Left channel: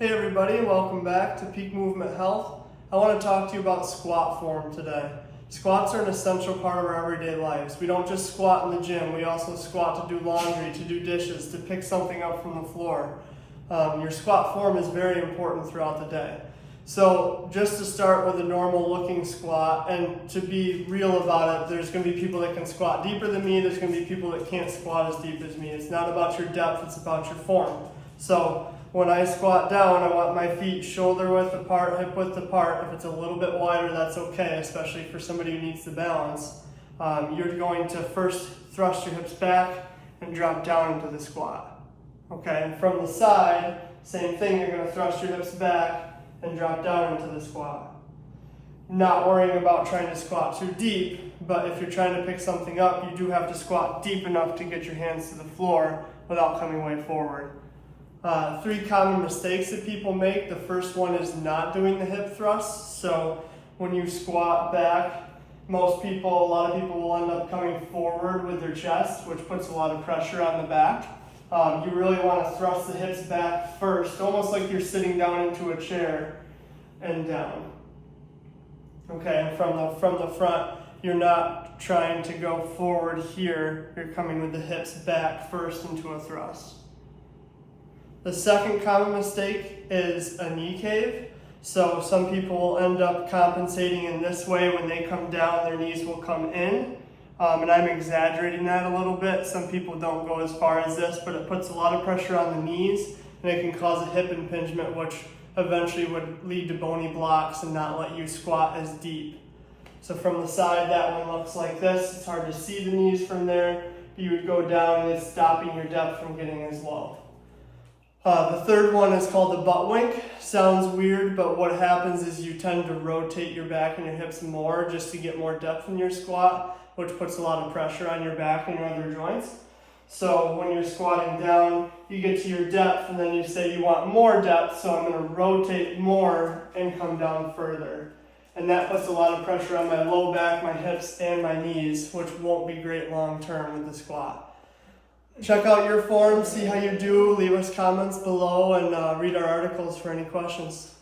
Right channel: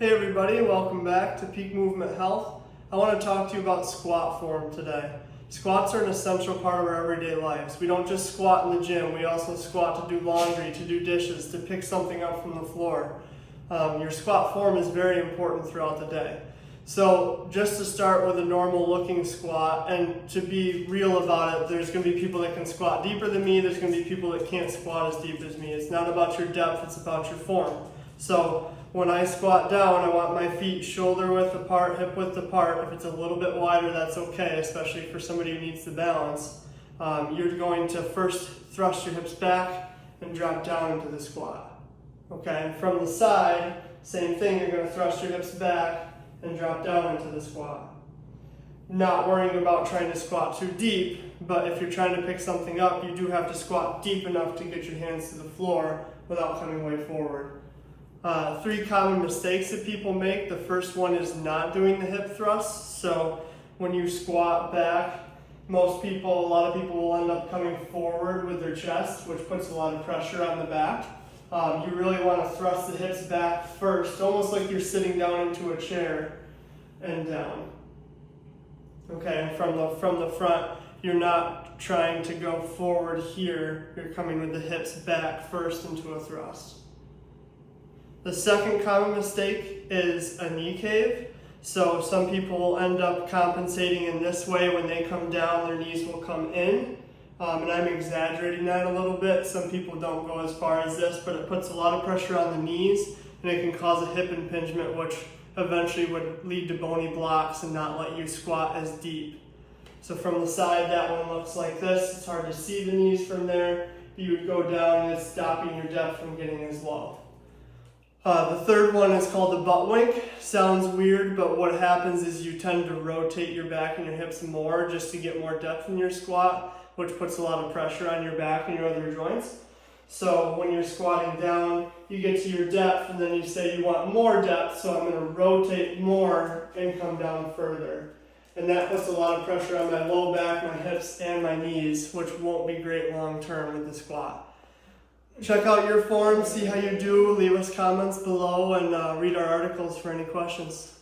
Hey everybody, welcome back to Peak Movement Health. I want to talk to you about squat form today. Squats are an essential part of our everyday lives. We don't just squat in the gym, we also squat to do laundry, to do dishes, to pick something up from the floor. Your squat form is very important throughout the day. So just to start with a normal looking squat, and to be real about it, there's going to be people that can squat deeper than me, there's going to be people that can't squat as deep as me. It's not about your depth, it's about your form. So when I squat down, I want my feet shoulder width apart, hip width apart. If it's a little bit wider, that's okay, especially for somebody who needs to balance. You're going to first thrust your hips back and drop down into the squat. Okay, and from the side, same thing, you're going to thrust your hips back and drop down into the squat. Not worrying about trying to squat too deep, but if you're trying to pick something up, you do have to squat deep enough to get your hands to the floor without coming way forward. 3 common mistakes that people make. The first one is not doing the hip thrust. So when you squat back, a lot of people will end up coming forward with their chest, which puts a lot of pressure on the back. You really want to thrust the hips back first, almost like you're sitting down into a chair and down. Okay, and from the front, you're not trying to go forward here. You're coming with the hips back first into a thrust. The second common mistake is a knee cave. So some people will end up compensating in this way. When they come down, their knees will come in. And I'm exaggerating that a little bit. Some people don't go as far as this, but it puts a lot of pressure on the knees, and it can cause a hip impingement, which eventually would lead to bony blocks and not let you squat as deep. So from the side, that one looks like this. It's hard to see the knees from there. You would go down, and it's stopping your depth from getting as low. The third one is called the butt wink. Sounds weird, but what happens is you tend to rotate your back and your hips more just to get more depth in your squat, which puts a lot of pressure on your back and your other joints. So when you're squatting down, you get to your depth and then you say you want more depth, so I'm going to rotate more and come down further. And that puts a lot of pressure on my low back, my hips, and my knees, which won't be great long term with the squat. Check out your form, see how you do, leave us comments below, and read our articles for any questions.